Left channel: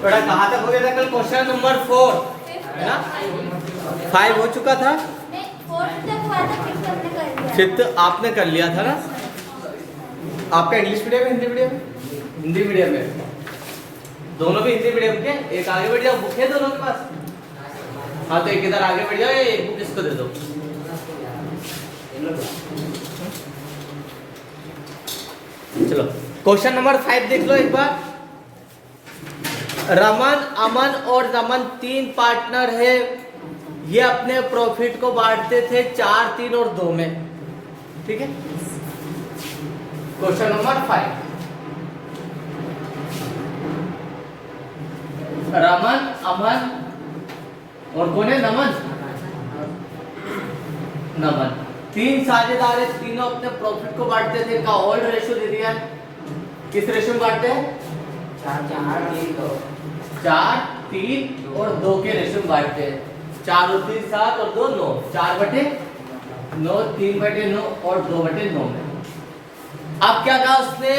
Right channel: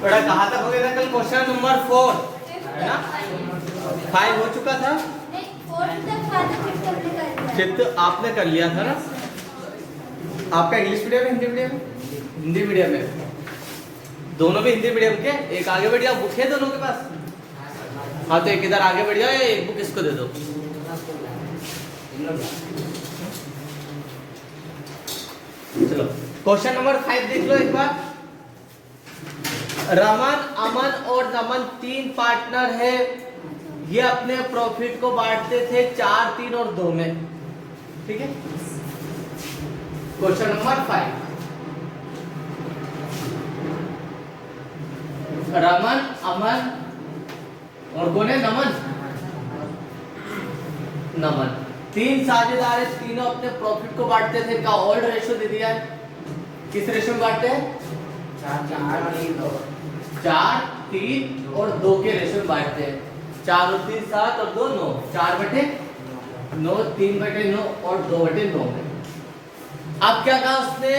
थोड़ा कहाँ तक हो गया था कल? क्वेश्चन नंबर 4 है ना, 5 हो चुका था, फिफ्थ आपने कर लिया था ना। आपका इंग्लिश मीडियम है, हिंदी मीडियम? हिंदी मीडियम है, दोनों भी हिंदी मीडियम के। एक आगे बढ़ जाओ, बुक है दोनों के पास? हाँ तो एक इधर आगे बढ़ जाओ, एक बुक इसको दे दो। चलो क्वेश्चन नंबर 5 देख लो एक बार। रमन, अमन और रमन 3 पार्टनर है। ये अपने प्रॉफिट को बांटते थे 4, 3 और 2 में। ठीक है, क्वेश्चन नंबर 5। रमन, अमन और कौन है? नमन। नमन 3 साझेदार है, तीनों अपने प्रॉफिट को बांटते थे। इनका ओल्ड रेशियो दे दिया। किस रेशियो में बांटते हैं? 4, 3 और 2 के रेशियो में बांटते हैं। 4 और 3 7 और 2 9, 4/9, 3/9 और 2/9 में। अब क्या कहा उसने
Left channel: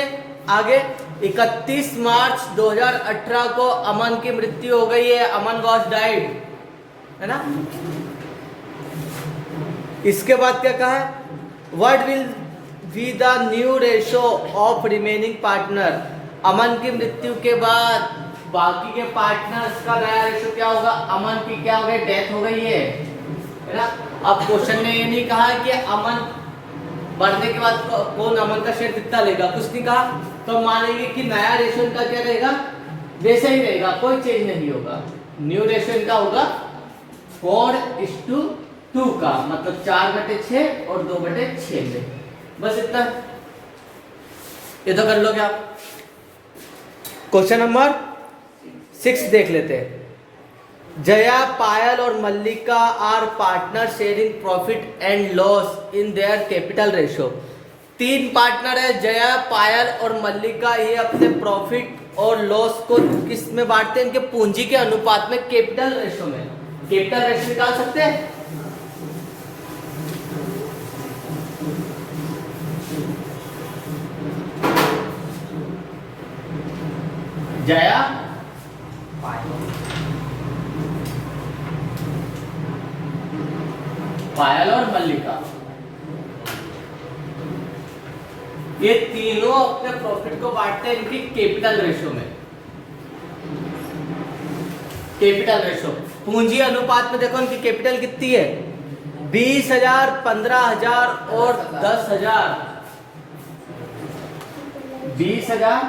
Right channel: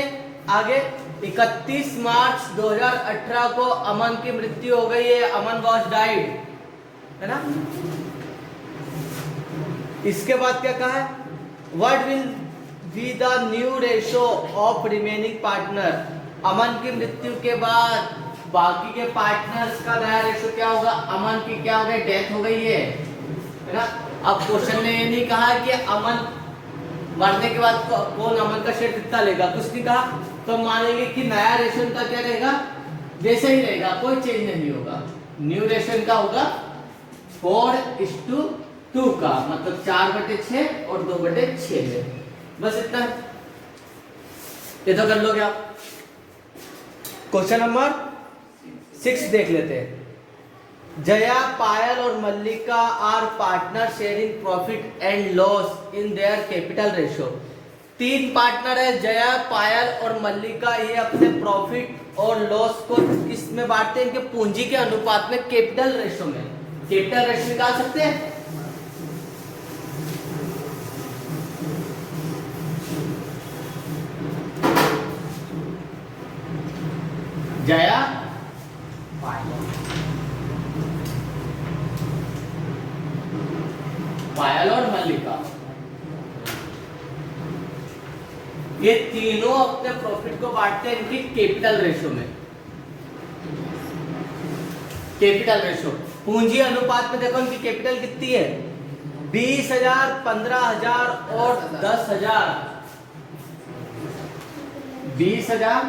आगे? 31 मार्च 2018 को अमन की मृत्यु हो गई है। अमन वॉज डाइड, है ना। इसके बाद क्या कहा है? What will be the new ratio of remaining partner. Aman की मृत्यु के बाद बाकी के पार्टनर्स का नया रेशियो क्या होगा? अमन की क्या हो गई? डेथ हो गई है ना। अब क्वेश्चन में ये नहीं कहा कि अमन मरने के बाद कौन अमन का शेयर कितना लेगा, कुछ नहीं कहा। तो मानेंगे कि नया रेशियो का क्या रहेगा? वैसे ही रहेगा, कोई चेंज नहीं होगा। न्यू रेशियो का होगा 4:2 का, मतलब 4/6 और 2/6 में। बस इतना, ये तो कर लोगे आप। क्वेश्चन नंबर 6 देख लेते हैं। जया, पायल और Mallika are partner sharing profit and loss in their capital ratio. 3 partner है, जया, पायल और मल्लिका। ये अपने प्रॉफिट और लॉस को किस में बांटते हैं? इनके पूंजी के अनुपात में, कैपिटल रेशियो में। कैपिटल रेशियो निकाल सकते हैं? जया, पायल और मल्लिका, ये तीनों अपने प्रॉफिट को बांटते हैं इनकी कैपिटल रेशियो में। कैपिटल रेशियो, पूंजी अनुपात में देखो इनकी कैपिटल कितनी है? 20,000, 15,000 और 10,000। 20,000,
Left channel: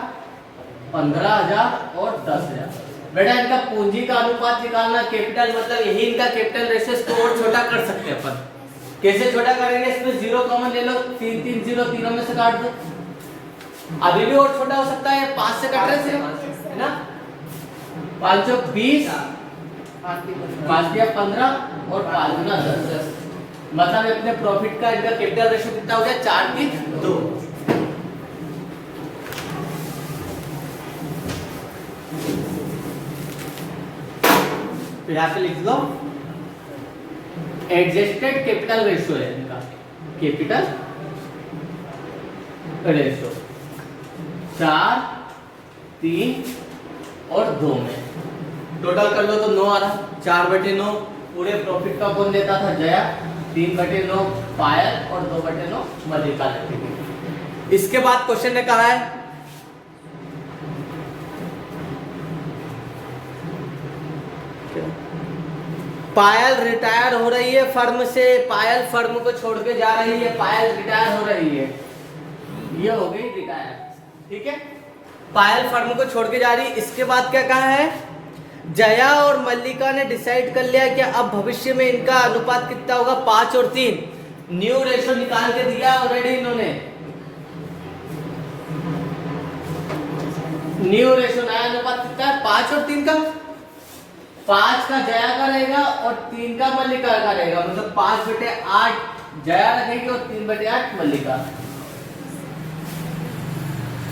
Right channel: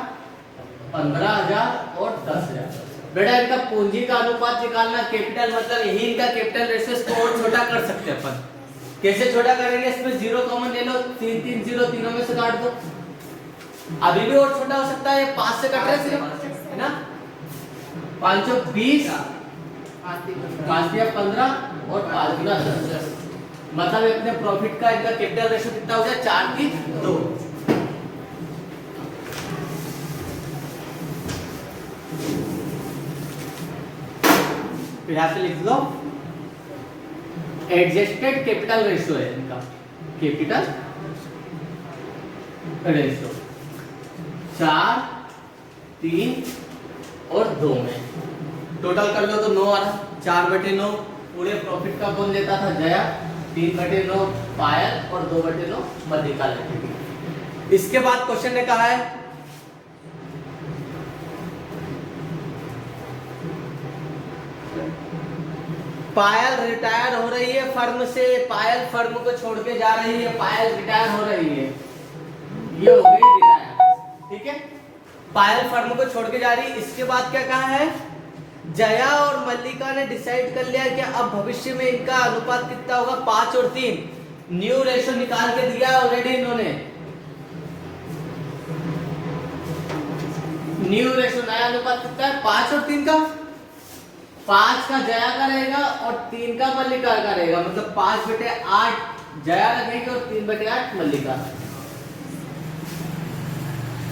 15,000 और 10,000। बेटा इनका पूंजी का अनुपात निकालना, कैपिटल मतलब यही इनका कैपिटल रेशियो। इसको और छोटा कर सकते हैं अपन। कैसे छोटा करेंगे? इसमें 0 कॉमन ले लो, 3 3 0 तीनों में से काट दो। अभी भी और छोटा हो सकता है, 5 से काट रहे हैं, है ना। 520, 5 दिया 15 और 5 गुना 10, मतलब अपने प्रॉफिट का इनका कैपिटल रेशियो कितना हो गया? 4:2। यहाँ पे लिख दो एडजस्टेड कैपिटल रेशियो है इनका। कैपिटल रेशियो 4, 3 और 2 में। टोटल कर लो तो 9 आ रहा। 4/9 पूरे प्रॉफिट का कौन देता था? जया। 3/9 पायल और 2/9 मल्लिका लेती थी। इसके बाद क्वेश्चन ने कहा है पायल रिटायर हो रही है फर्म से। पायल फर्म को छोड़ के जा रही है, पायल रिटायर हो रही है। ये हो गई रिटायर, ठीक है। पायल फर्म को छोड़ के जा रही है। इसके बाद क्या कहा है? जया और मल्लिका ने डिसाइड कर लिया कि अब भविष्य में इनका अनुपात कितना होगा? 5 और 3। न्यू रेशियो निकाल के दिया ऑलरेडी इन्होंने। न्यू रेशियो नया अनुपात कितना है? 5 और 3 का। 5 का जया का रहेगा और 3 का मल्लिका का रहेगा, मतलब 5/8 जया रखेगी और 3/8 मल्लिका।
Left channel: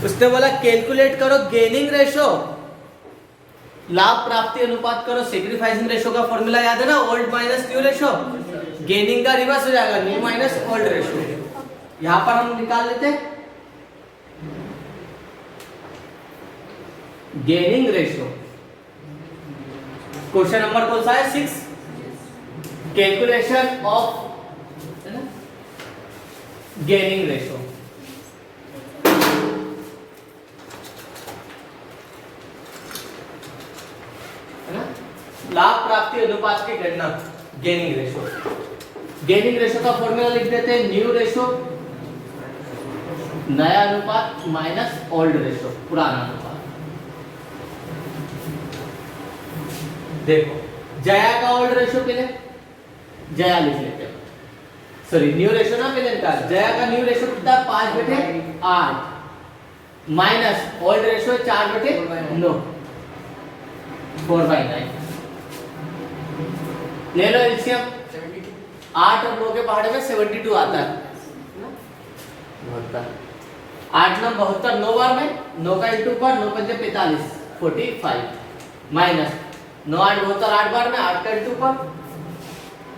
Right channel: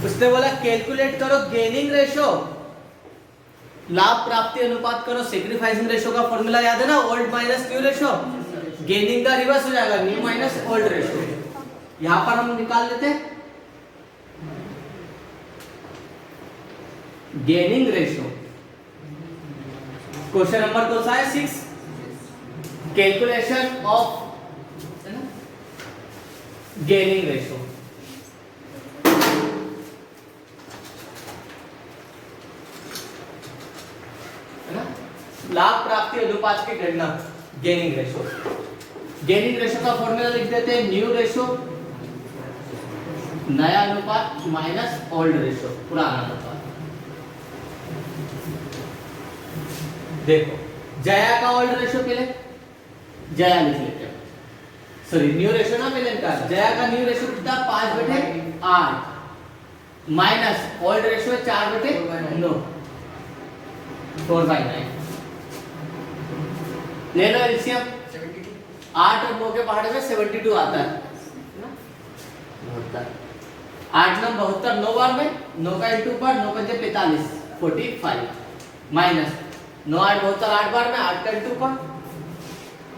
उसने बोला कैलकुलेट करो गेनिंग रेशियो, लाभ प्राप्ति अनुपात करो। सेक्रीफाइसिंग रेशियो का फॉर्मूला याद है ना? Old minus new ratio. Gaining का रिवर्स हो जाएगा, न्यू माइनस ओल्ड रेशियो। यहां पर हम निकाल लेते गेनिंग रेशियो। क्वेश्चन नंबर कौन सा है 6, कैलकुलेशन ऑफ गेनिंग रेशो। है ना, लाभ प्राप्ति अनुपात की गणना, गेनिंग रेशो। गेनिंग रेशो का फॉर्मूला लिख देते हैं, न्यू रेशो नया अनुपात माइनस ओल्ड रेशो पुराना अनुपात। देखो जया का ओल्ड रेशो पहले जया लिख लेते हैं, सॉरी न्यू रेशो ना पहले का, जया का न्यू रेशो कितना 5/8 माइनस ओल्ड रेशो 4/9 4/9। ले लो एलसीएम, 8 और 9 के पहाड़े में 72 आता है, 8 9 72, 9 बार में 9 का इंटू पर 9 पंजे 45 45 माइनस 9 8 72, 8 बार में 8 का इंटू पर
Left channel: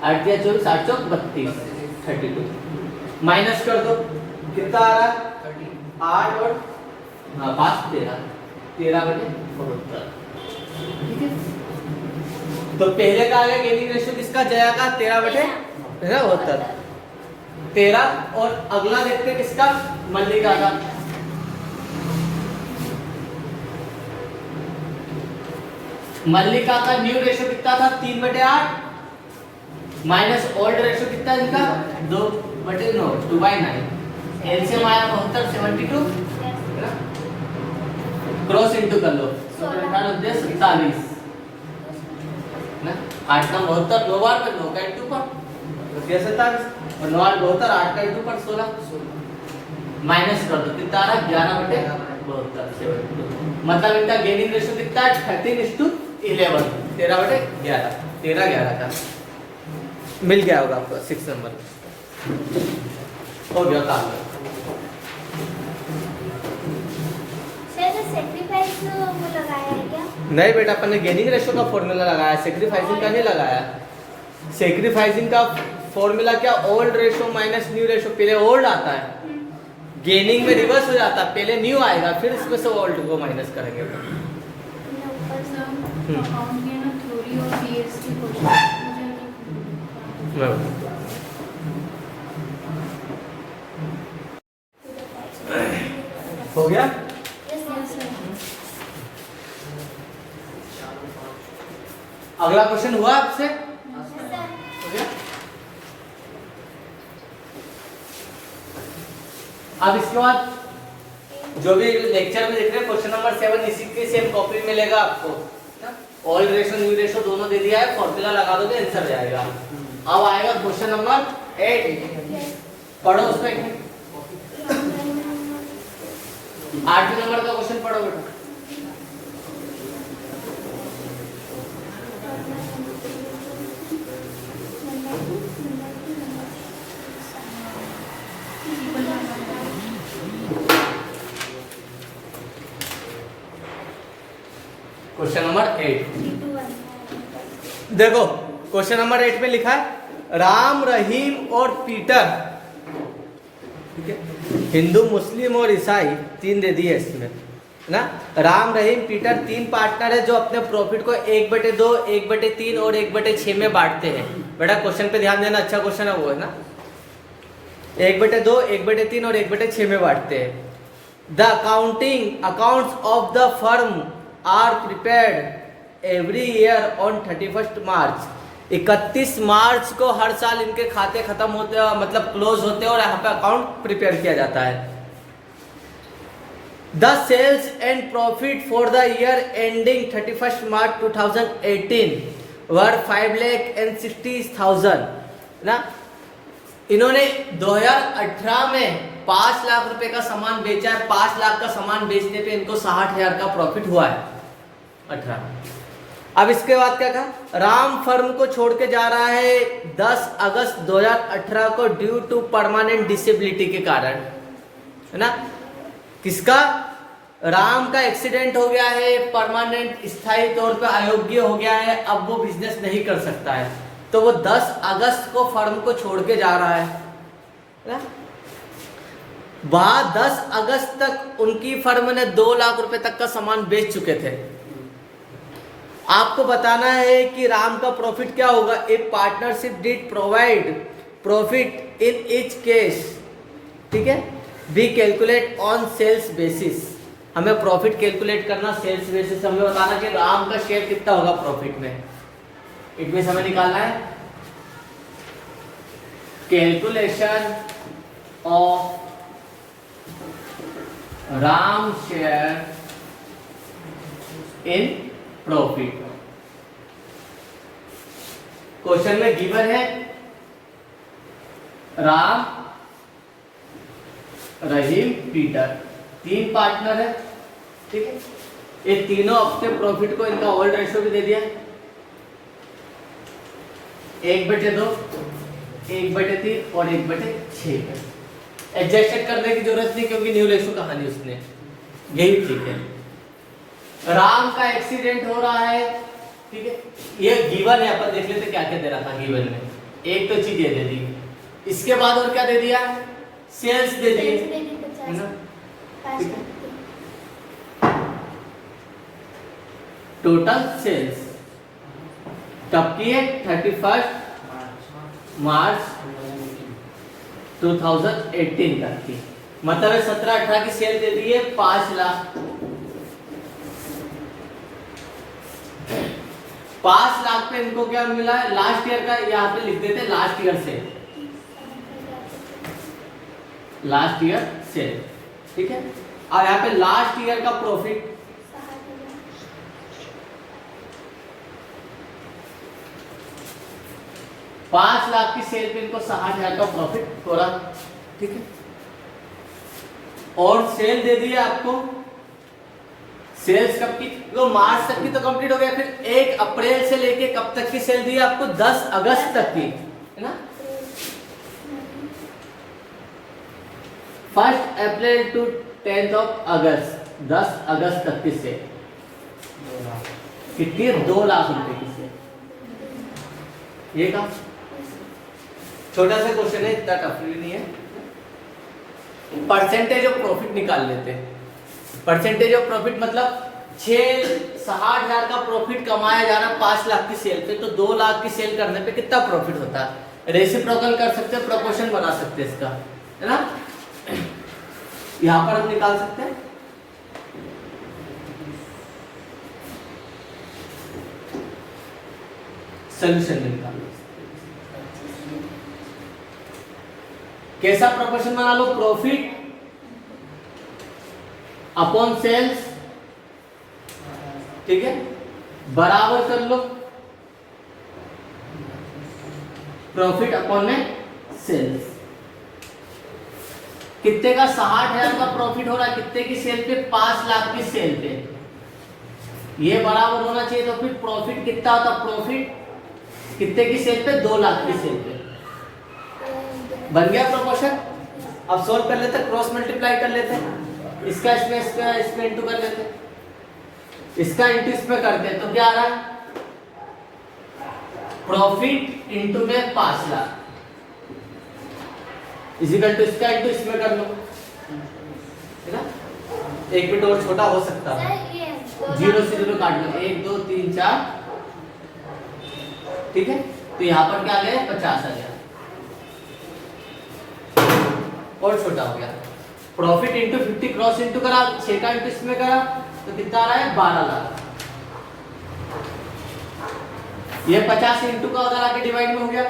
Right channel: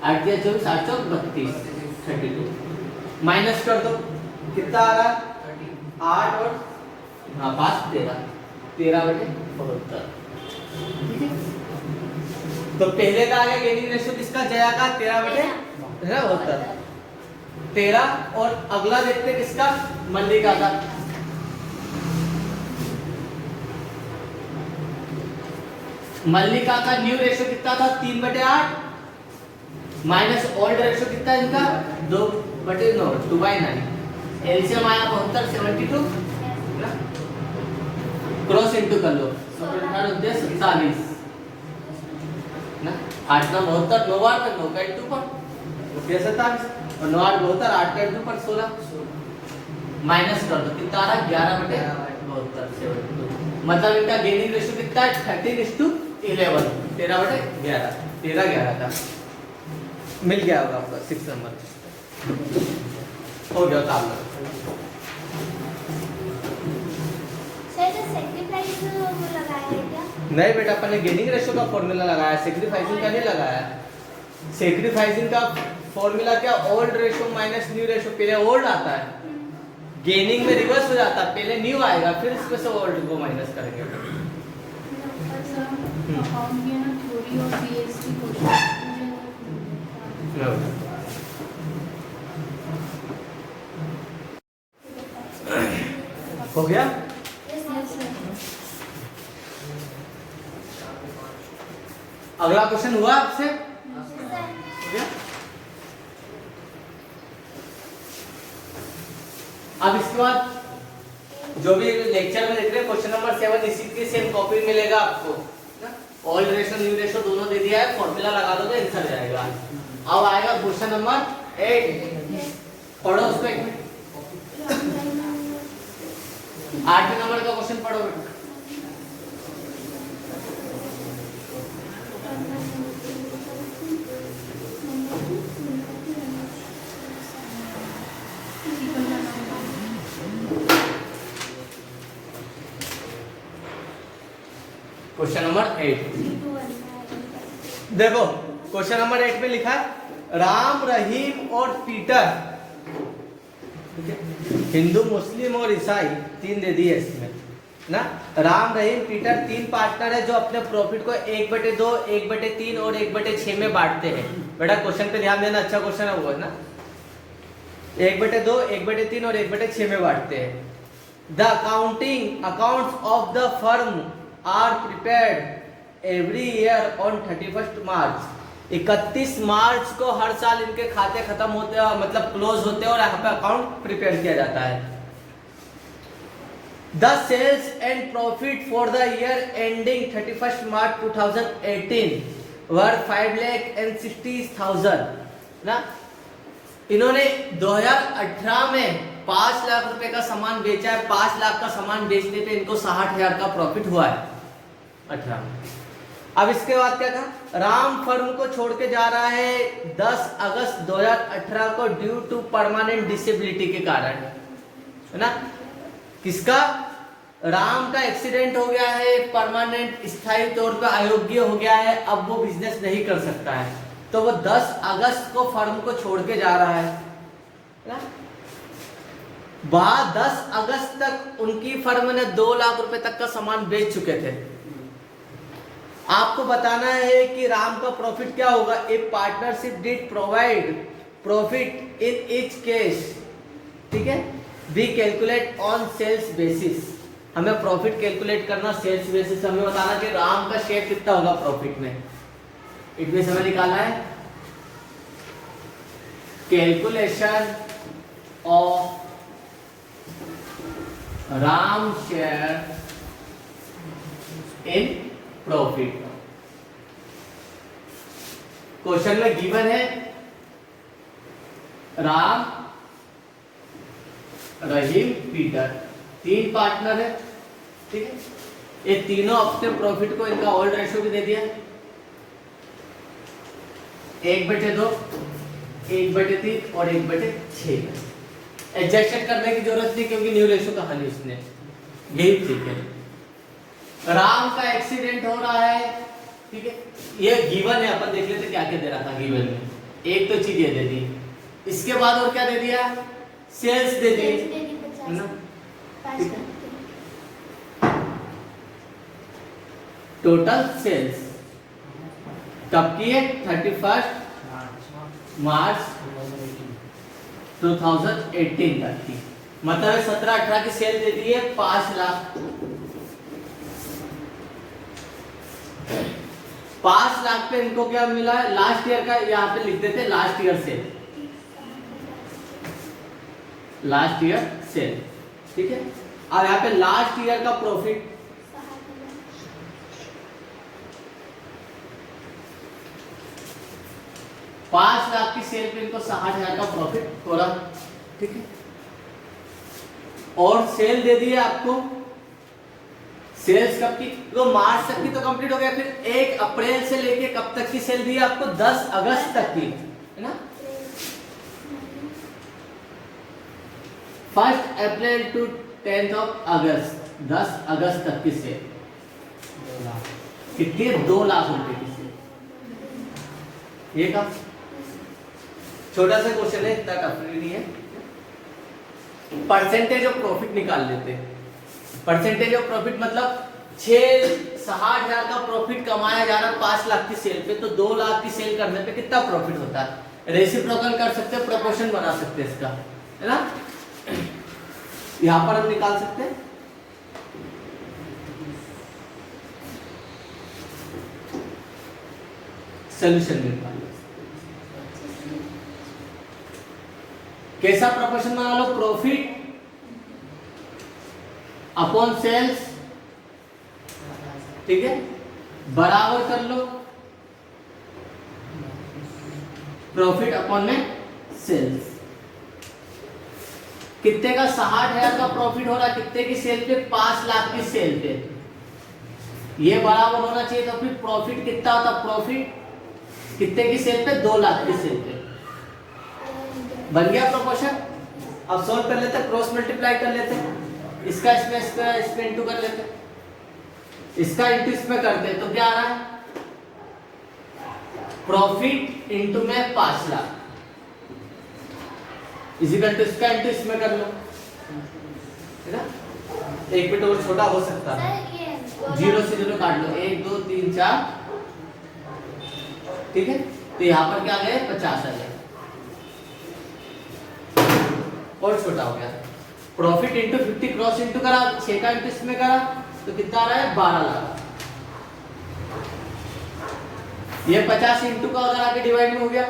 8 दिया 24 8 चौक 32 32 माइनस कर दो, कितना आ रहा है 8 और 5 13 13/72। ठीक है, तो पहले का आ गया गेनिंग रेशो किसका, जया का 13/72 13, और अगला देखते हैं किसका, मल्लिका का। मल्लिका का न्यू रेशो कितना था 3/8 माइनस ओल्ड रेशो कितना है इनका 2/9 2/9। एलसीएम आया 72 72 क्रॉस इनटू कर लो, 47 ना, 8 9 72 9 बार में 9 का इंटू पर 47 और 9 8 72 8 का इंटू पर 16 माइनस कर दो, कितना आ रहा है 11/72 मतलब इनका गेनिंग रेशो कितना है 13:11 13/11 13 11 का मिल गया होगा आपको 6 नंबर हो गया काम। नहीं बेटा, अपन ने गेनिंग रेशो का फॉर्मूला लगाया, सैक्रिफाइसिंग का नहीं लगाया। सैक्रिफाइसिंग का फॉर्मूला क्या, old ratio minus new ratio, पहले ओल्ड आता है, गेनिंग में रिवर्स हो जाता है, पहले न्यू आएगा फिर इसमें से ओल्ड को माइनस करेंगे। हो गया, अगला क्वेश्चन हुआ आपसे, हो गया। अब इसके बाद जो भी लेक्चर में देख रहे हैं क्वेश्चन नंबर 7 इसी के सेम कॉपी मिलेगा आपको। ओल्ड रेशो न्यू रेशो दोनों दे दिया है, फॉर्मूला लगा दो तो आंसर जाएगा। अब आएगा क्वेश्चन नंबर 8, पढ़ो उसको 8वें नंबर का क्वेश्चन पढ़ो बेटा। क्वेश्चन नंबर 8 देखो, क्वेश्चन नंबर 8 में लिखा है राम रहीम और पीटर, ठीक है, हिंदू मुस्लिम और ईसाई 3 दे दिए इसमें ना। राम रहीम पीटर 3 पार्टनर है जो अपने प्रॉफिट को 1/2 1/3 और 1/6 में बांटते हैं। बेटा क्वेश्चन पे ध्यान देना, अच्छा क्वेश्चन है वो ना, 1/2 1/3 और 1/6 में बांटते हैं। The accounting accounts of the firm are prepared every year on 31 March. 31 मार्च को हर साल इनके खाते खत्म होते हैं, मतलब क्लोज होते हैं और यहाँ पे अकाउंट प्रिपेयर किया जाता है। The sales and profit for the year ending 31 March 2018 were 5,60,000 ना। इन्होंने 2018 में 5 लाख रुपए का सामान बेचा है, 5 लाख का सामान बेचने पे इनको 60,000 का प्रॉफिट हुआ है 18। अब इसके बाद क्या कहा, राम फर्म को छोड़ के जा रहा है 10 अगस्त 2018 को ड्यू टू परमानेंट डिसेबिलिटी के कारण, है ना। किसका, राम का एक्सीडेंट हो गया है, परमानेंट स्थायी तौर पे अयोग्य हो गया है, अब वो बिजनेस नहीं कर सकता है, तो वो 10 अगस्त को फर्म को छोड़ के जा रहा है ना। बाद 10 अगस्त तक उनकी फर्म ने 2 लाख रुपए तक का सामान बेच चुके थे। आपको बताना है कि राम का प्रॉफिट क्या होगा। If partnership did provide profit in each case, ठीक है, we calculate on sales basis. हमें प्रॉफिट कैलकुलेट करना सेल्स बेसिस, हमें बताना कि राम का शेयर कितना होगा प्रॉफिट में। इट मींस हमें निकालना है calculation of Ram share in profit. Question में गिवन है राम, रहीम, पीटर, 3 पार्टनर है, ठीक है। ये तीनों अपने प्रॉफिट को इनका ओल्ड रेशो भी दे दिया 1/2, 1/3 और 1/6। एडजस्टेड करने की जरूरत नहीं क्योंकि न्यू रेशो कहानी उसने, यही ठीक है। राम का एक्सीडेंट हो रहा है, ठीक है, ये गिवन है। अपन देख लेते क्या क्या दे रहा था गिवन में। एक तो चीज ये दे दी, इसके बाद और क्या दे दिया, सेल्स दे दिए, है ना। टोटल सेल्स कब की है, 31 मार्च 2018 तक की। मतलब 17-18 की सेल दे दी है 5 लाख। 5 लाख पे इनको क्या मिला है, लास्ट ईयर का, यहाँ पे लिख देते लास्ट ईयर से, लास्ट ईयर सेल, ठीक है। और यहाँ पे लास्ट ईयर का प्रॉफिट 5 लाख की सेल पे इनको 60,000 का प्रॉफिट हो रहा, ठीक है। और सेल दे दी है आपको, सेल्स कब की, तो मार्च तक की तो कंप्लीट हो गया। फिर 1 अप्रैल से लेके कब तक की सेल दी है आपको, 10 अगस्त तक की, है ना। 1 अप्रैल टू 10 अगस्त, 10 अगस्त तक की सेल कितनी है, 2 लाख रुपए की सेल। ये का छोटा सा क्वेश्चन है, इतना टफ भी नहीं है। परसेंटेज ऑफ प्रॉफिट निकाल लेते हैं। परसेंटेज ऑफ प्रॉफिट मतलब 60,000 का प्रॉफिट कमाया जा रहा 5 लाख की सेल पे, तो 2 लाख की सेल करने पे कितना प्रॉफिट होता है। रेसिप्रोकल कर सकते हैं, प्रोपोर्शन बना सकते हैं इसका, है ना। यहां पर हम निकाल सकते हैं। सोल्यूशन निकाल कैसा प्रोपोर्शन बना लो, प्रॉफिट अपॉन सेल्स, ठीक है, बराबर कर लो प्रॉफिट अपॉन में सेल्स। कितने का, 60,000 का प्रॉफिट हो रहा है, कितने की सेल पे, 5 लाख की सेल पे। ये बराबर होना चाहिए, तो फिर प्रॉफिट कितना होता, प्रॉफिट कितने की सेल पे, 2 लाख की सेल पे। बन गया प्रोपोर्शन। अब सोल्व कर लेते, क्रॉस मल्टीप्लाई कर लेते, इसका इसमें इंटू कर लेते, इसका इंटू इसमें करते, तो क्या आ रहा है, प्रॉफिट इंटू में 5 लाख इजिकल टू इसका इंटू इसमें कर लो, है ना। 1 मिनट और छोटा हो सकता है, 0 से 0 काट लो, 1 2 3 4, ठीक है। तो यहाँ पर क्या आ गया, 50 आ गया, और छोटा हो गया। प्रॉफिट इंटू 50 क्रॉस इंटू करा, 6 का इंटू इसमें करा, तो कितना आ रहा है, 12 लाख। ये 50 इंटू का उधर आके डिवाइड में हो गया,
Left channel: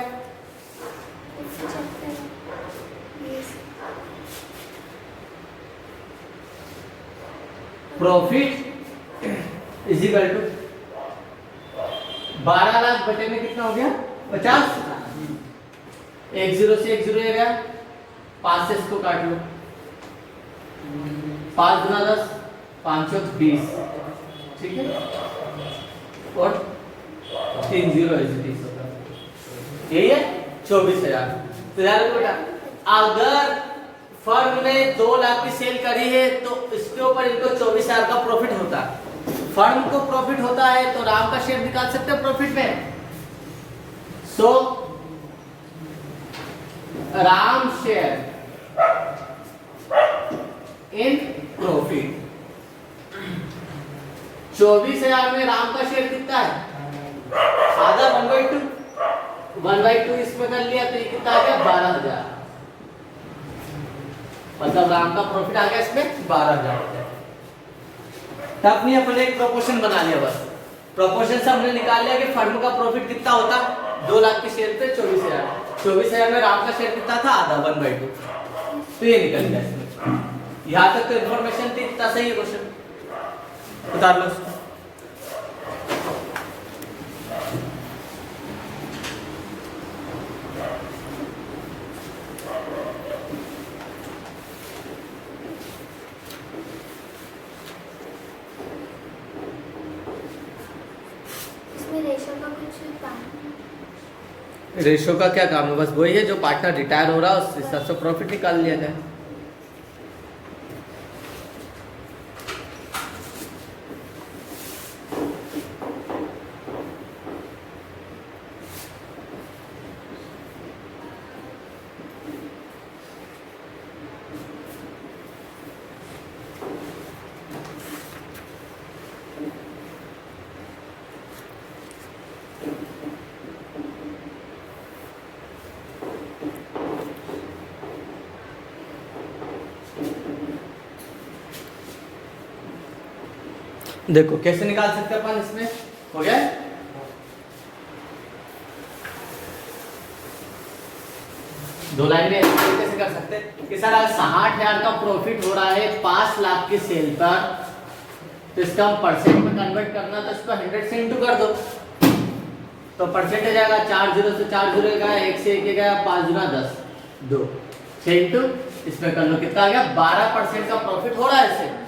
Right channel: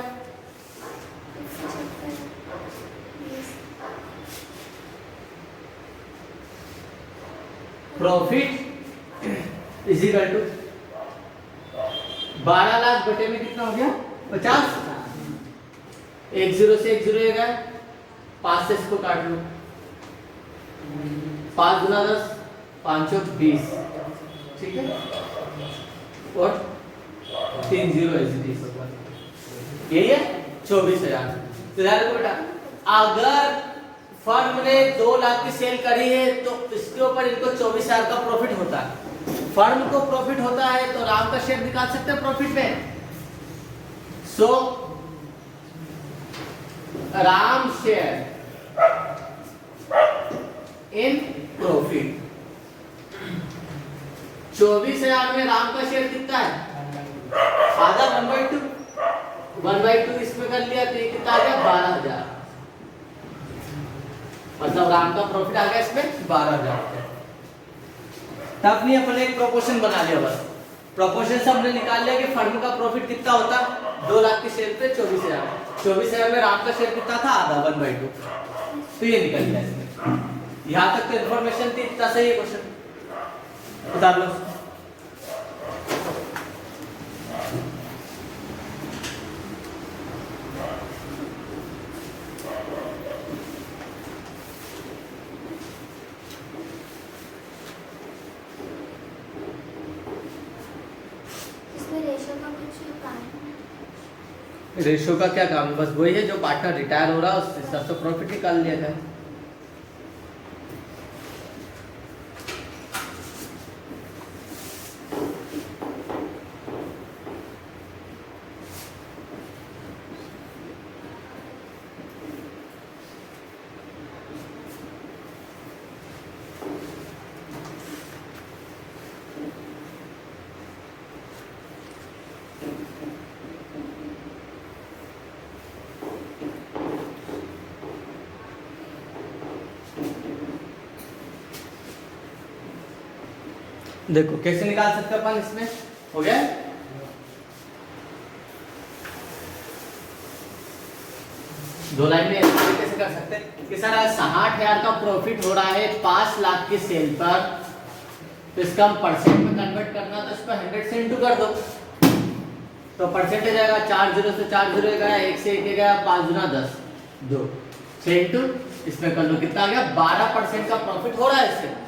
profit is equal to 12 lakh बटे में कितना हो गया, 50। 1 0 से 1 0 गया, 5 से इसको काट लो, 5 गुना 10, 5 चौक 20, ठीक है। और 3 0 होगा, यही है 24,000। तो यार बेटा, अगर फर्म ने 2 लाख की सेल करी है तो इसके ऊपर इनको 24,000 का प्रॉफिट होता है। फर्म को प्रॉफिट होता है तो राम का शेयर निकाल सकते हैं प्रॉफिट में। सो राम शेयर इन प्रॉफिट 24,000 में राम का शेयर कितना है? आधा 1/2। 1/2 इसमें कर लिया तो ये कितना आ गया? 12,000। मतलब राम का प्रॉफिट आ गया इसमें 12,000 हो गया। तब नहीं अपने एक प्रोपोर्शन बना लिया बस। प्रोपोर्शन से हमने निकाल लिया कि फर्म का प्रॉफिट कितना होता, 2 लाख के शेयर पे 24,000। 24,000 में राम का शेयर कितना था? आधा 1/2। तो ये निकल गया इसमें। यहाँ तक तो इन्फॉर्मेशन थी, इतना सही है क्वेश्चन। उतार लो। रेशो का क्या काम है? बस वही है, जो पार्टनर रिटायर हो रहा है उससे सबसे प्रॉफिट निकाल लिया जाए। देखो कैसे निकाल सकते हैं अपन इसमें। हो गया? दो लाइन में कैसे कर सकते हैं कि सर अगर 60,000 का प्रॉफिट हो रहा है 5 लाख की सेल पर, तो इसका हम परसेंट में कन्वर्ट करना तो इसको 100 से इंटू कर दो, तो परसेंटेज आएगा 4 0 से 4 0 गया, 1 से 1 गया, 5 गुना 10 2 6 इंटू इसमें कर लो कितना आ गया? 12% का प्रॉफिट हो रहा है इससे।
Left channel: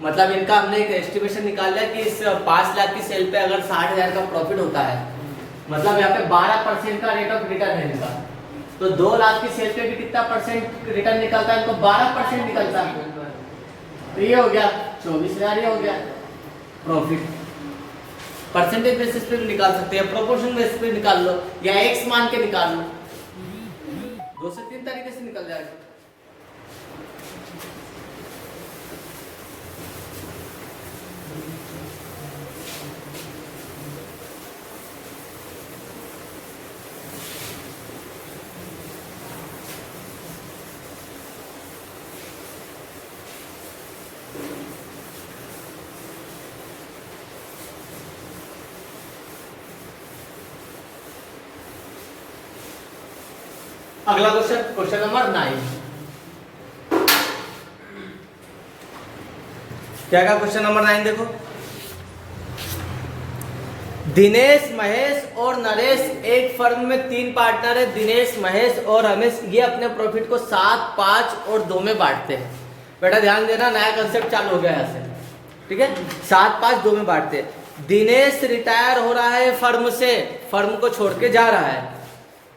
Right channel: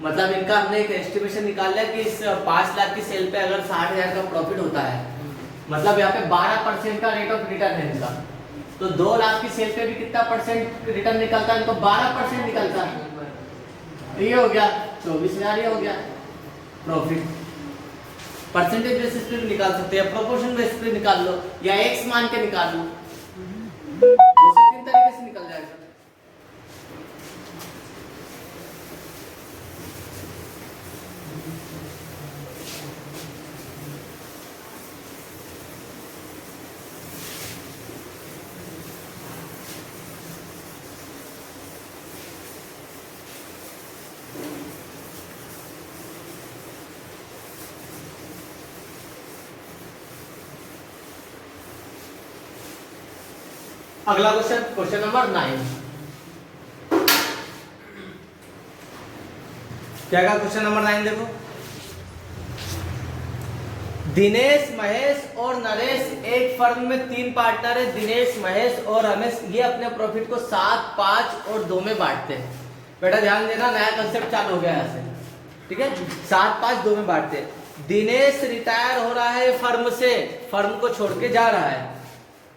मतलब इनका हमने एक एस्टिमेशन निकाल लिया कि इस 5 लाख की सेल पे अगर 60,000 का प्रॉफिट होता है, मतलब यहाँ पे 12% का रेट ऑफ रिटर्न है इनका, तो 2 लाख की सेल पे भी कितना परसेंट रिटर्न निकलता है? इनको 12% निकलता है। तो ये हो गया 24,000, ये हो गया प्रॉफिट। परसेंटेज बेसिस पे भी निकाल सकते हैं, प्रोपोर्शन बेसिस पे निकाल लो, या एक्स मान के निकाल लो, 2 से 3 तरीके से निकल जाएगा। अगला क्वेश्चन, क्वेश्चन नंबर 9। क्या का क्वेश्चन नंबर 9 देखो। दिनेश, महेश और नरेश एक फर्म में 3 पार्टनर है। दिनेश, महेश और रमेश ये अपने प्रॉफिट को 7, 5 और 2 में बांटते हैं। बेटा ध्यान देना, नया कंसेप्ट चालू हो गया यहाँ से, ठीक है। 7, 5, 2 में बांटते हैं। दिनेश रिटायर हो रहा है फर्म से, फर्म को छोड़ के जा रहा है।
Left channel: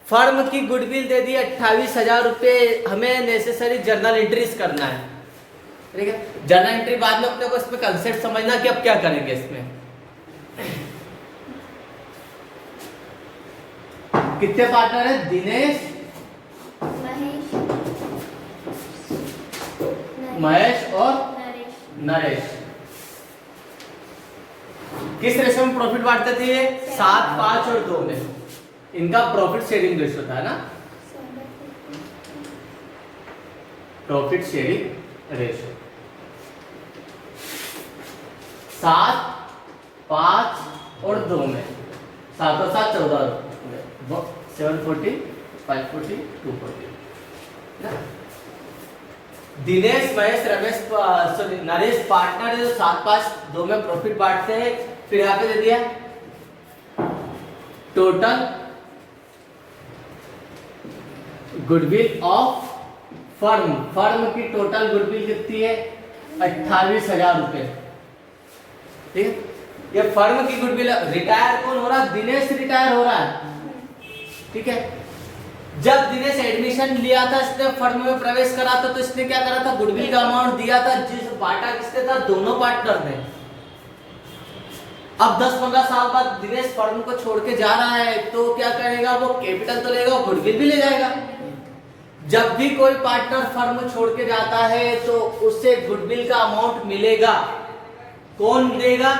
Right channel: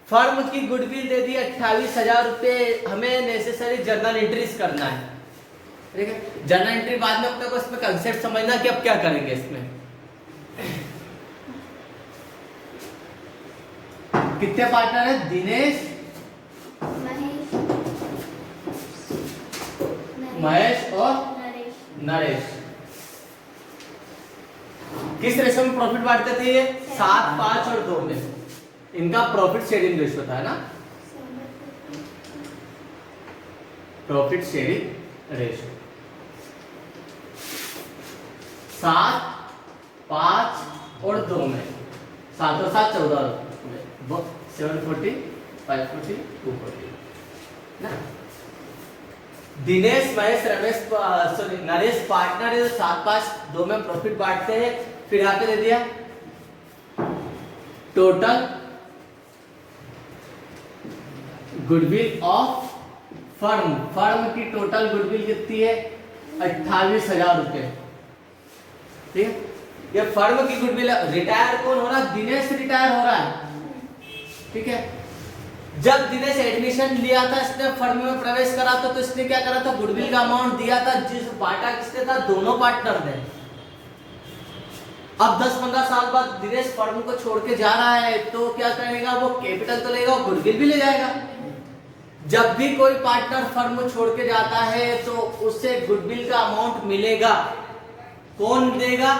फर्म की गुडविल दे दी 28,000 रुपए, हमें नेसेसरी जर्नल एंट्रीज करना है, ठीक है। जर्नल एंट्री बाद में अपने को इसमें कंसेप्ट समझना कि अब क्या करेंगे इसमें। कितने पार्टनर है? दिनेश, महेश और नरेश। किस रेशो में प्रॉफिट बांटते थे ये? 7, 5 और 2 में। इनका प्रॉफिट शेयरिंग रेशियो था ना, प्रॉफिट शेयरिंग रेशियो 7, 5 और 2 में। 7 और 7 14 में, 740, 540, 240 ना। दिनेश, महेश, रमेश, सॉरी नरेश पार्टनर है, 7, 5, 2 में प्रॉफिट बांटते हैं। फिर यहाँ पे दे दिया total goodwill of firm. Firm की टोटल गुडविल कितनी है? 28,000 रुपए, ठीक है। ये फर्म की गुडविल। रिटायर कौन हो रहा है? दिनेश रिटायर हो रहा है, ठीक है। जब दिनेश एडमिशन लिया था, इसने फर्म में प्रवेश करा था, तो इसने क्या करा था? गुडविल का अमाउंट दिया था, जिस बांटा किसने था? दोनों पार्टनर ने। अब 10-15 साल बाद दिनेश फर्म को छोड़ के जा रहा है, तो क्या करेगा? वो कैपिटल तो लेगा, गुडविल भी ले जाएगा। जब भी कोई पार्टनर फर्म छोड़ के जाता है तो उससे गुडविल का अमाउंट मिलेगा, कौन देगा?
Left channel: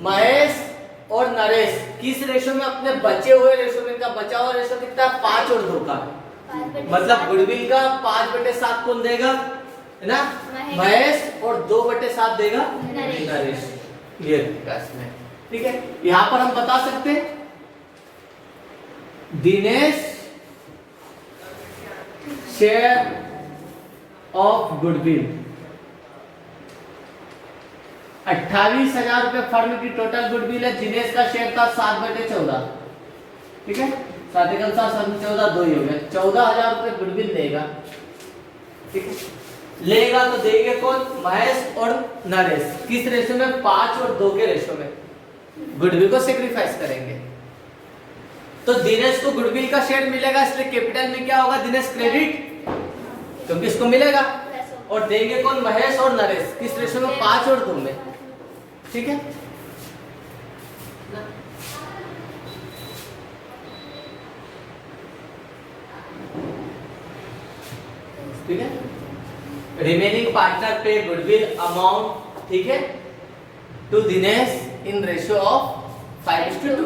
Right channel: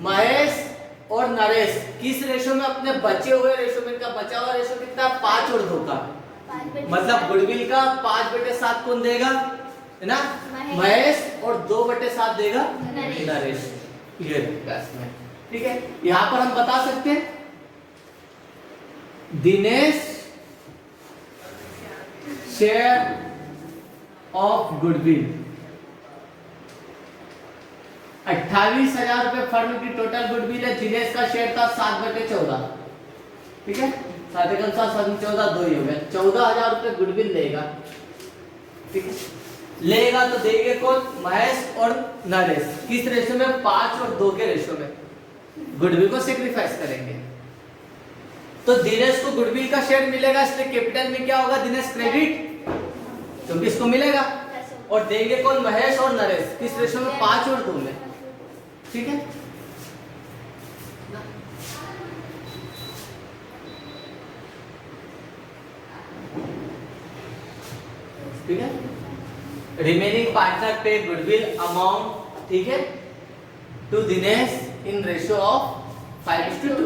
महेश और नरेश। किस रेशो में? अपने बचे हुए रेशो में। इनका बचा हुआ रेशो कितना? 5 और 2 का। मतलब गुडविल का 5/7 कौन देगा? है ना, महेश, और 2/7 देगा नरेश। ये इसमें ठीक है। यहां पर हम बता सकते हैं दिनेश शेयर ऑफ गुडविल 28,000 रुपए फर्म की टोटल गुडविल है। दिनेश का शेयर था 7/14। ठीक है, 7 एकम 7 7 14 2 ही हो गया। 14,000 रुपए गुडविल लेगा। ठीक है, लेगा तो देंगे कौन? महेश और नरेश। किस रेशो में? 5 और 2 के रेशो में। गुडविल को सेक्रीफाइस करेंगे तो दिनेश को गुडविल का शेयर मिलेगा, इसलिए कैपिटल में क्या होगा? दिनेश क्रेडिट, क्योंकि इसको मिलेगा। और देंगे कौन? महेश और नरेश। किस रेशो में? 5 और 2 में। ठीक है, ठीक है। रिमेनिंग पार्टनर पे गुडविल अमाउंट, ठीक है, to Dinesh in ratio of 5:2,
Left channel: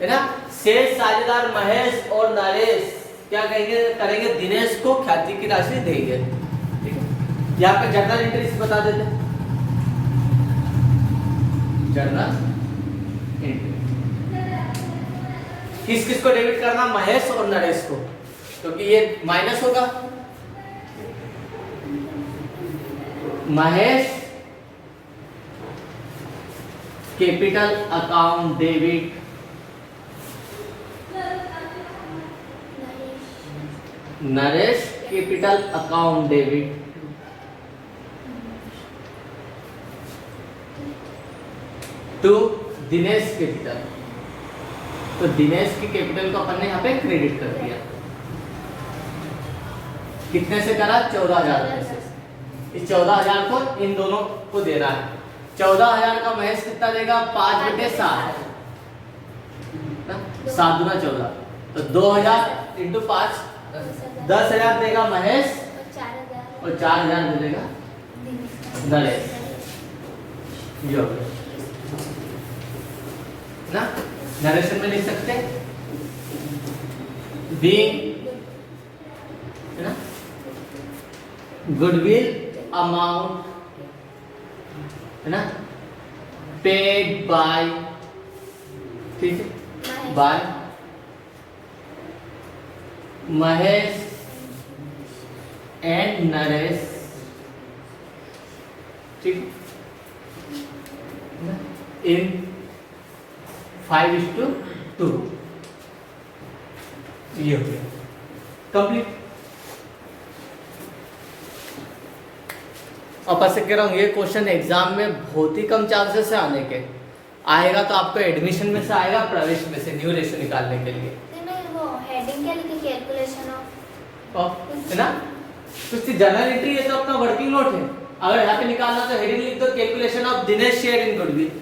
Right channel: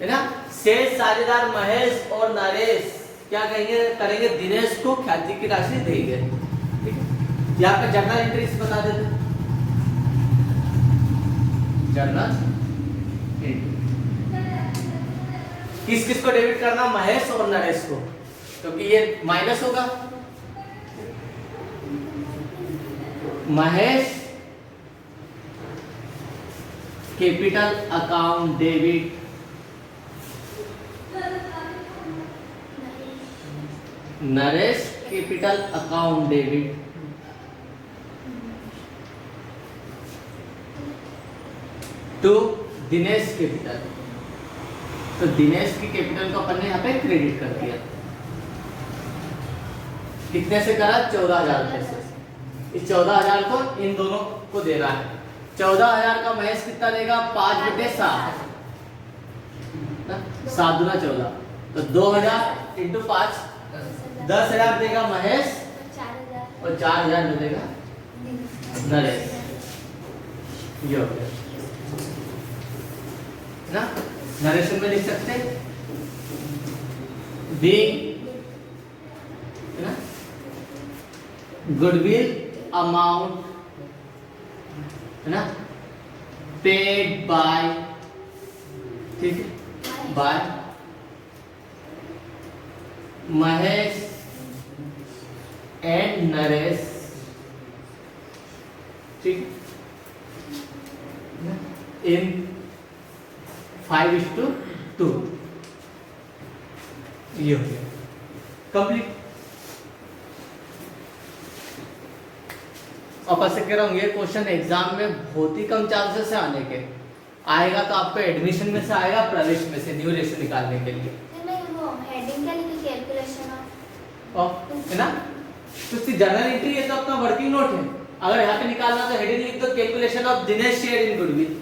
है ना। शेष साझेदार महेश और नरेश क्या कहेंगे? करेंगे दिनेश को ख्याति की राशि देंगे। ठीक है, यहाँ पे जर्नल एंट्रीज बता देते। जर्नल एंट्री किस किस को डेबिट करना? महेश और नरेश को, क्योंकि ये माइनस होगा। Mahesh capital account debit, Naresh capital account debit, to Dinesh capital. तो दिनेश की कैपिटल को अपन ने यहाँ पे क्रेडिट कर दिया। कितने से करा? 14,000 रुपए से। इस 14,000 को इन दोनों को देना है। 14,000 का महेश कितना देगा? 5/7, 7 दूना 14, तो 2,000 इंटू 5 10,000 देगा महेश और 4,000 मिलेगा नरेश। यो ना, नरेशन में लिख सकते बी, है ना, गुडविल अमाउंट, है ना, पेड बाय, ठीक है, बाय महेश एंड नरेश, ठीक, इन 5:2। ये हो गया कंप्लीट। अब ऐसे कह रहा हूँ, ये क्वेश्चन एग्जाम में बहुत ही कम चांसेस से आने के आएगा, तो आपको एडमिशन में से आएगा, प्रवेश में से न्यू रेशो निकालने के लिए। वो हेडिंग क्या लिखी? कैलकुलेशन ऑफ, है ना, कुछ जर्नल एंट्री है तो अपना वर्किंग नोट है। अगर यहाँ पे निकालना तो हेडिंग लिख दो, calculation of Dinesh share in goodwill.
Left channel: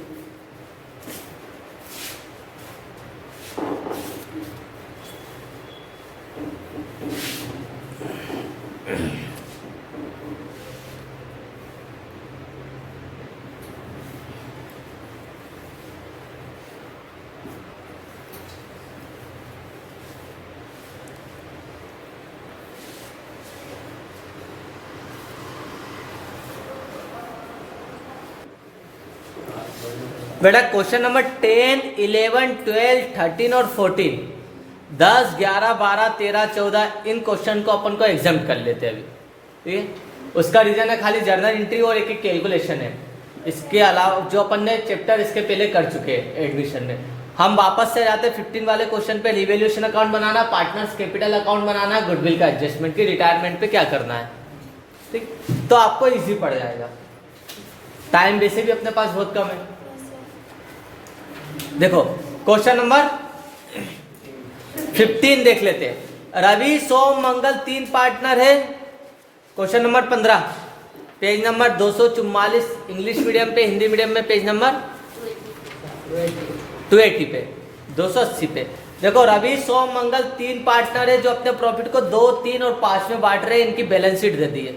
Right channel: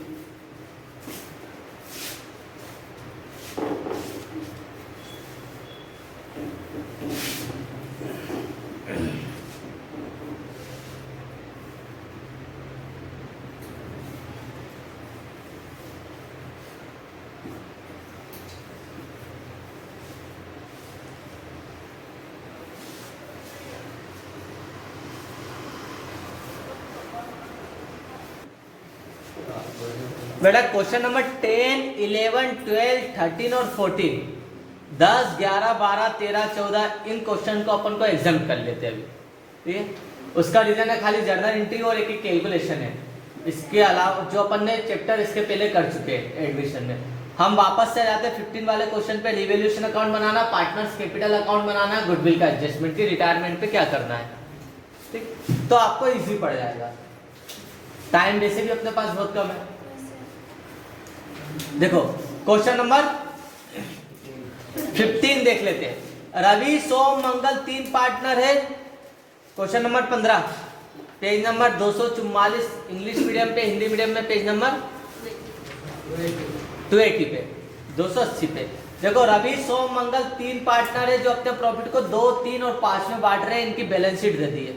बेटा क्वेश्चन नंबर 10, 11, 12, 13 और 14, 10, 11, 12, 13, 14 इन क्वेश्चन को अपन को एग्जाम कर लेते हैं अभी। ठीक है, उसका रीजन है खाली जर्नल एंट्री और एक कैलकुलेशन है। इसके अलावा जो अपन ने चैप्टर इसके पहले कर चुके हैं एडमिशन में, हम वापस से जाते हैं 15 वाले क्वेश्चन पे। रिवैल्यूएशन अकाउंट बनाना, पार्टनर्स कैपिटल अकाउंट बनाना, गुडविल का एडजस्टमेंट की रिटायरमेंट पे क्या करना है। ठीक, तो आपको इजी पड़ जाएगा। टाइम वैसे भी अपने पास बहुत कम है। देखो क्वेश्चन नंबर 15 देख लेते हैं। रवि, सोम, मंगल 3 पार्टनर है। Question number 15, page number 244, English medium पे, हिंदी मीडियम में पेज नंबर 280 पे, 280 पे। देखो रवि, सोम, मंगल 3 पार्टनर है जो अपने प्रॉफिट को 2, 3 और 5 में बांट रहे हैं। इनकी बैलेंस शीट दे दी है।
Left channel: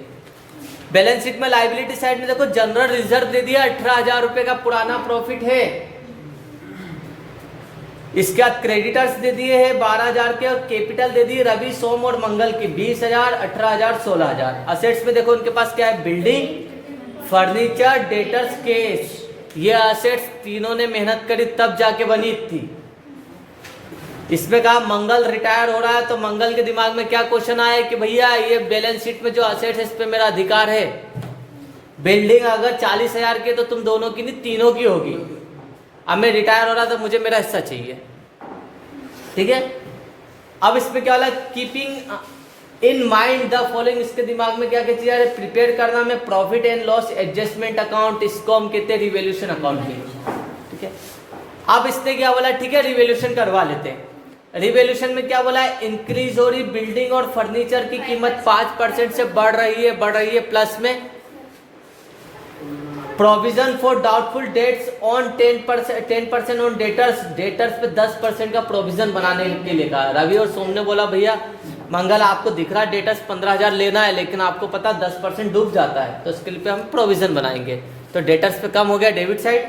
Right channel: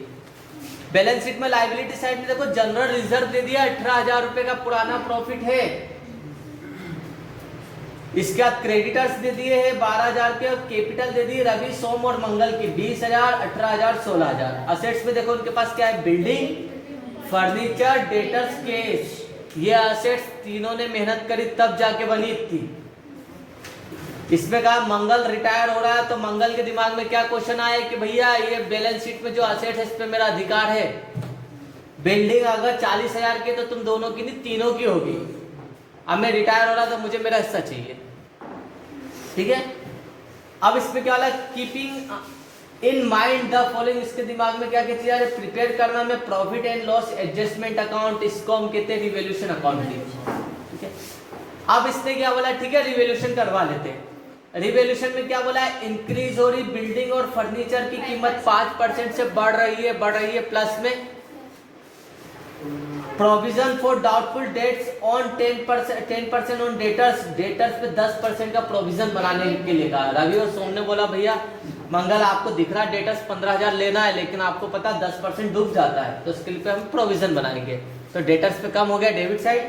बैलेंस शीट में लाइबिलिटी साइड में देखो जनरल रिजर्व दे दिया 18,000 रुपए का पुराना प्रॉफिट है। इसके बाद क्रेडिटर्स दे दिए हैं 12,000 के और कैपिटल दे दिए रवि सोम और मंगल की 20,000, 18,000, 16,000। असेट्स में देखो उनके पास क्या है, बिल्डिंग, फर्नीचर, डेटर्स, कैश। ये असेट्स तीनों ने मेहनत करी तब जाके बनी थी। इसमें कहा मंगल रिटायर हो रहा है तो मंगल के दिमाग में क्या क्वेश्चन आया कि भैया ये बैलेंस शीट में जो असेट्स है इस पे मेरा अधिकार है। बिल्डिंग अगर 40,000 की तो तुम दोनों की नहीं तीनों की होगी। अब मैं रिटायर हो रहा तो मुझे मेरा हिस्सा चाहिए। ठीक है, अब इसमें क्या वाला, keeping in mind the following, इसके दिमाग में क्या कहती है, प्रिपेयर करना में profit and loss adjustment account, इसको हम कहते हैं रिवैल्यूएशन अकाउंट के। ठीक है, अब इसने क्या बोला, ठीक है रिवैल्यूएशन करवा लेते हैं। रिवैल्यूएशन में क्या बोला है, इंक्रीज हो रही बिल्डिंग और फर्नीचर की कीमत 5% से बढ़ रही है प्लस में। Provision for doubtful debts on 10% on debtors पे 10% का प्रोविजन बनाने के लिए कहा। रवि और सोम ने बोला भैया मंगल आपको दिख रहा है डेटर्स 15,000 लेना है लेकिन आपको पता 10% डूब जाता है तो इसके लिए हम प्रोविजन बनाएंगे। तो डेटर्स पे कम हो गया डेबिट साइड।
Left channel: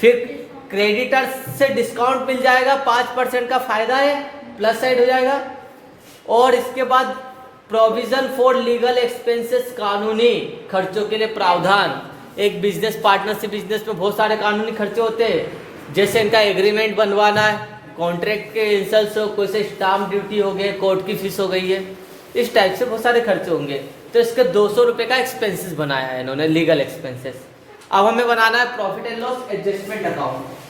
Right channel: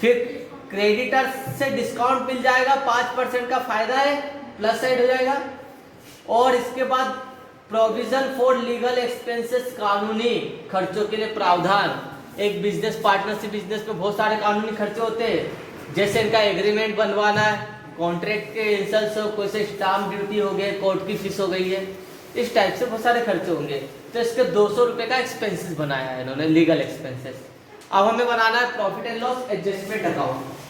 फिर क्रेडिटर्स से डिस्काउंट मिल जाएगा 5% का फायदा है, प्लस साइड हो जाएगा। और इसके बाद प्रोविजन फॉर लीगल एक्सपेंसेस, कानूनी खर्चों के लिए प्रावधान। एक बिजनेस पार्टनरशिप बिजनेस में बहुत सारे कानूनी खर्चे होते हैं, जैसे इनका एग्रीमेंट बनवाना है, कॉन्ट्रैक्ट के इंसल्ट हो, कोई से स्टाम्प ड्यूटी हो गए, कोर्ट की फीस हो गई है, इस टाइप से बहुत सारे खर्चे होंगे। तो इसके 200 रुपए का एक्सपेंसेस बनाया है इन्होंने, लीगल एक्सपेंसेस। अब हमें बनाना है profit and loss adjustment account.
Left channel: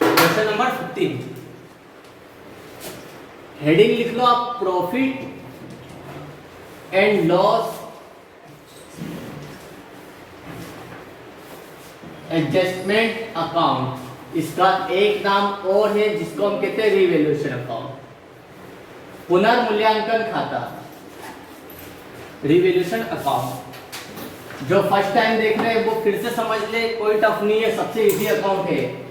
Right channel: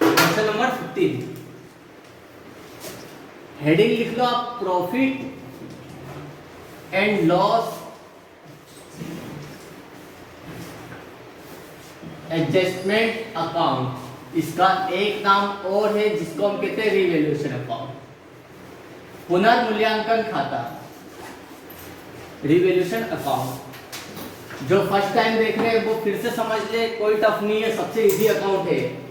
Question number 15, heading लिख लो आप, profit and loss adjustment account. इसका एक नाम और है जिसको हम कहते हैं रिवैल्यूएशन अकाउंट, पुनर्मूल्यांकन खाता, रिवैल्यूएशन अकाउंट। जो फर्स्ट टाइम देख रहे हैं वो फिर से समझ ले, कोई टफ नहीं है, सबसे इजी अकाउंट है।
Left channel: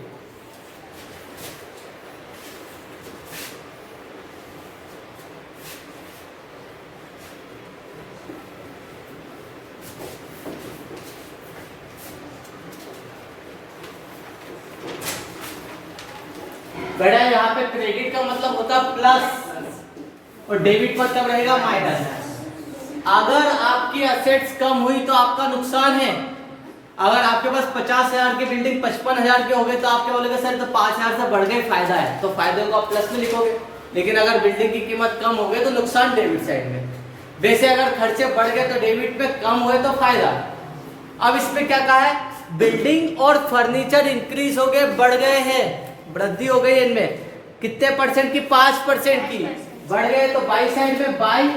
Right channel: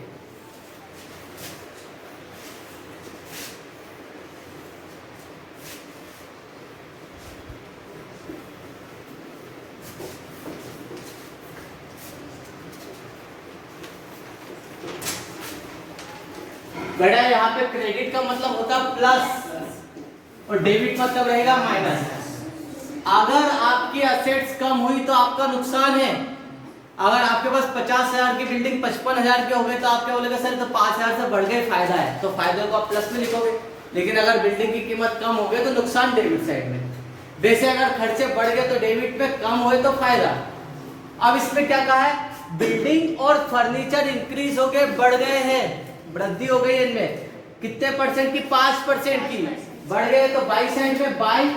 बेटा यहाँ पे क्रेडिट का मतलब होता प्लस और डेबिट मतलब रहेगा माइनस। अगर आपकी असेट्स कम हुई तो आपका नुकसान है। अगर आपके पास 50,000 की बिल्डिंग 55,000 की हो गई तो आप क्या बोलेंगे, सर तो 5,000 से बढ़ गए, फायदा है, तो फायदे को आप प्लस में लिखोगे। लेकिन अगर बिल्डिंग की कीमत कम हो गई तो नुकसान डेबिट साइड में। वैसे अगर खर्चे बढ़ गए तो डेबिट में, कम हुए तो फायदा। अब इसमें क्या कहा है, बिल्डिंग और फर्नीचर इंक्रीज हो गए, बढ़ गए हैं, वृद्धि हो गई इनमें। कितने परसेंट की, 5% की बढ़ गए। तो बाई साइड में बाई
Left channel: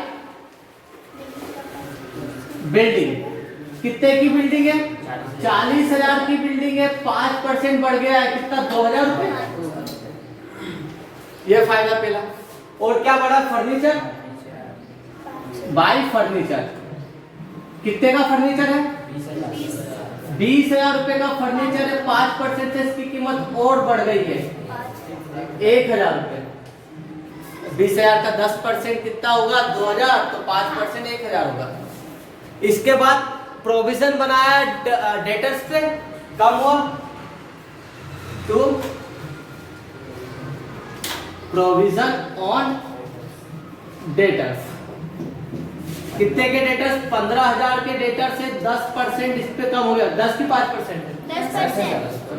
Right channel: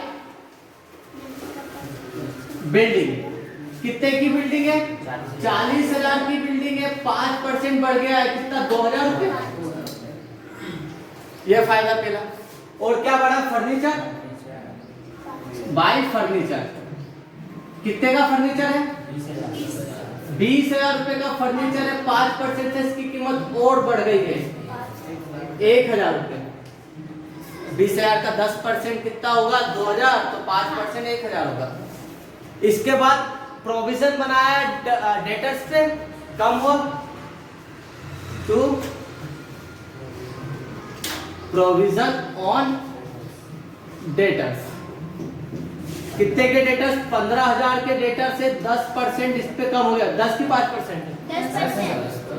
बिल्डिंग, कितने की बिल्डिंग है, 40,000 की बिल्डिंग है, 5% बढ़ गया है, कितना, 2,000 रुपए। यह फायदा पहला। और क्या बढ़ा, फर्नीचर, बाई फर्नीचर, कितने का फर्नीचर है, 20,000 रुपए का फर्नीचर है, 5% से इसकी कीमत और बढ़ गई है 1,000 रुपए। 20,000 का 10% कितना होगा, 2,000, तो 5% 1,000 होगा। इसके बाद प्रोविजन बनाया डेटर्स पे, कम हुआ टू प्रोविजन ऑन डेटर्स। कितने के डेटर्स, 15,000 के डेटर से 10% इस पे कम हो गया, 10 की 5%,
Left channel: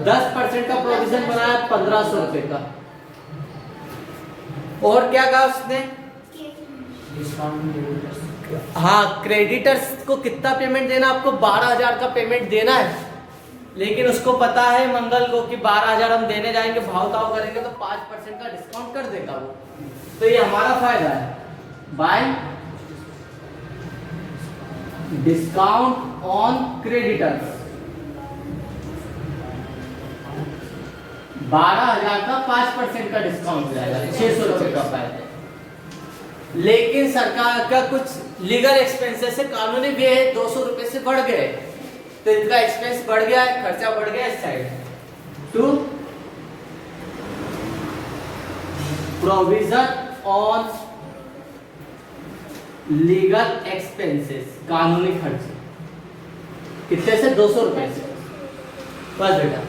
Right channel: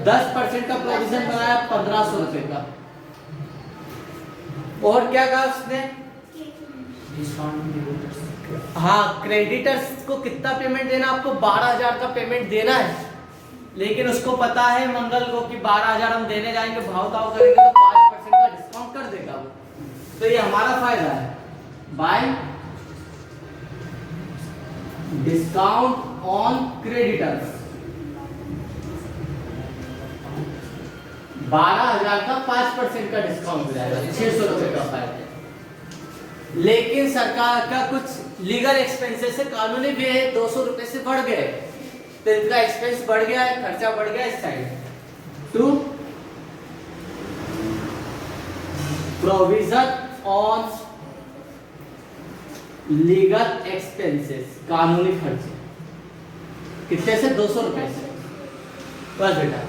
10% का प्रोविजन बनाया 1,500 रुपए का। और क्या कहा उसने, हाँ क्रेडिटर्स को कितना पेमेंट देना, आपको 12,000 का पेमेंट देना है। लेकिन उसको पता है मंगल को कि 12,000 हम देने जाएंगे, भाव ताव करेंगे तो 5% का डिस्काउंट कर देगा वो। तो ये हमारा फायदा है, बाय डिस्काउंट ऑन क्रेडिटर्स। 12,000 का 5% का डिस्काउंट हो जाएगा, 600 रुपए का फायदा। लेकिन सरकार का कुछ लीगल एक्सपेंसेस से कानूनी व्यय 200 रुपए से बढ़ गए, तो इनका एक्सपेंस बढ़ गया है, खर्चा बढ़ गया इस side. To provision on legal expenses, कानूनी खर्चे कितने से 200 रुपए से। बस बेटा,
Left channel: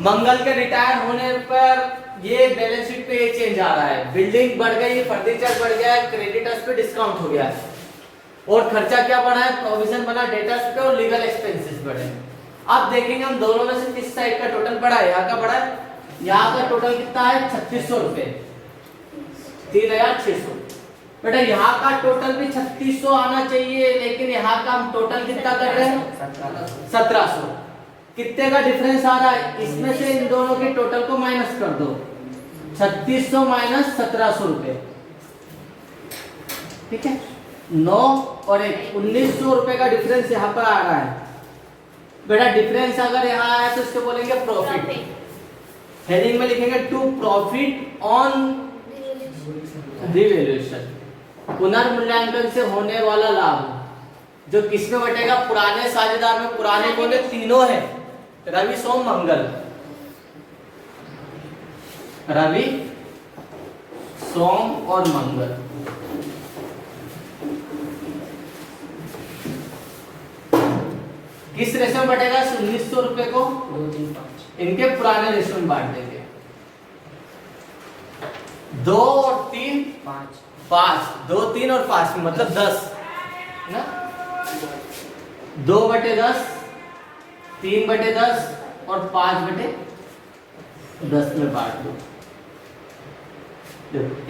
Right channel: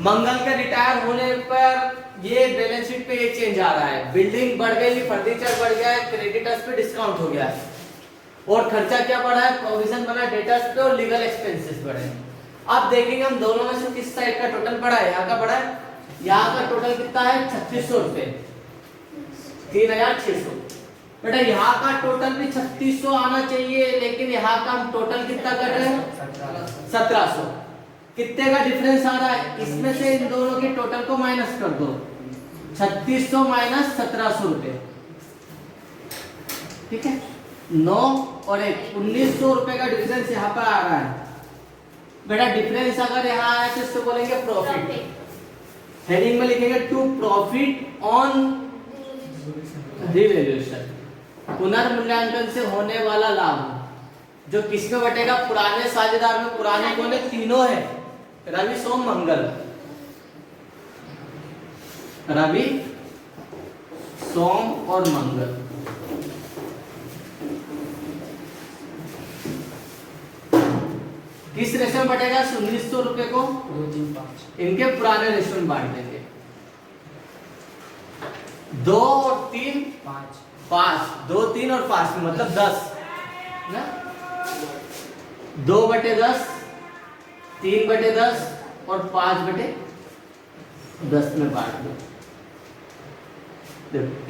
मंगल के रिटायर होने पर ये बैलेंस शीट पे ये चेंज आ रहा है, बिल्डिंग बढ़ गई, फर्नीचर बढ़ गया है, क्रेडिटर्स पे डिस्काउंट हो गया है, और खर्चा क्या बढ़ा है, प्रोविजन बना डेटर्स पे और लीगल एक्सपेंसेस बढ़े। अब देखेंगे हम दोनों में से किस साइड का टोटल बढ़ा है। यहाँ का बढ़ा है, यहाँ का टोटल कितना है 3600 रुपए, 3600। बेटा यहाँ का टोटल भी 3600 आना चाहिए, लेकिन यहाँ का हम टोटल कितना कर रहे हैं 1700। कितने का डिफरेंस आ रहा है, इसमें से इन दोनों के टोटल को माइनस कर दो, 3600 माइनस 1700 रुपए, ठीक है। 9 और 1 1900 रुपए का डिफरेंस यहाँ पर आ रहा है। बेटा डिफरेंस अगर यहाँ आया तो इसको बोलेंगे प्रॉफिट, हेडिंग में लिखेंगे टू प्रॉफिट ऑन रिवैल्यूएशन, पुनर्मूल्यांकन से होने वाला लाभ। जो किस में बटेगा, पुराने साझेदार में, पुराने बोले तीनों है, रवि सोम मंगल, रवि सोम और मंगल। किस रेशो में बटेगा, 1900 रुपए को 2, 3, 5 इनके पुराने रेशो में बांट देंगे, 2 और 3 5, 2 3 और 5 मतलब 10 ना, 2/10, 3/10 और 5/10 में बांट दो।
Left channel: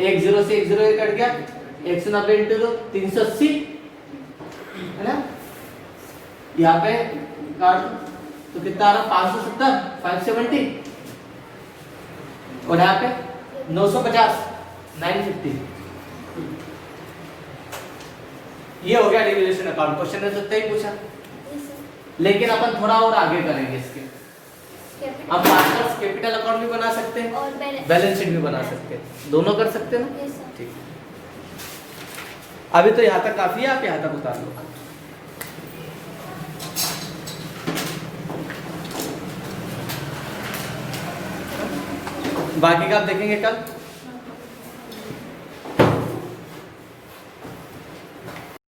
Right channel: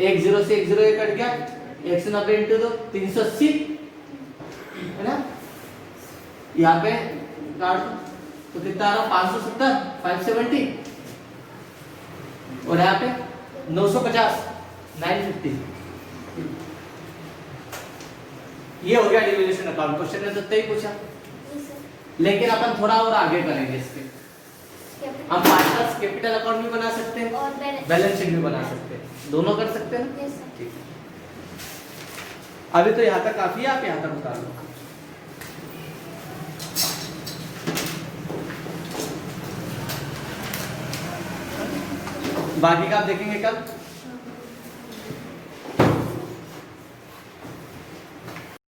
1 0 से 1 0 कट गया, 190 इंटू 2 380 है ना, यहाँ पे काट दो तो कितना आ रहा, 570 570, और यहाँ पे 950 950। ये हो गया डिविडेंड अकाउंट। क्वेश्चन ने तो ही पूछा, लेकिन अपन थोड़ा और आगे करेंगे इसके। हम पार्टनर्स कैपिटल अकाउंट भी बना सकते हैं और बैलेंस शीट भी बना सकते हैं, दोनों कर सकते हैं। ठीक, अभी तो यहाँ तक काफी है, आप यहाँ तक उतार लो। बाकी का आप देखेंगे कल।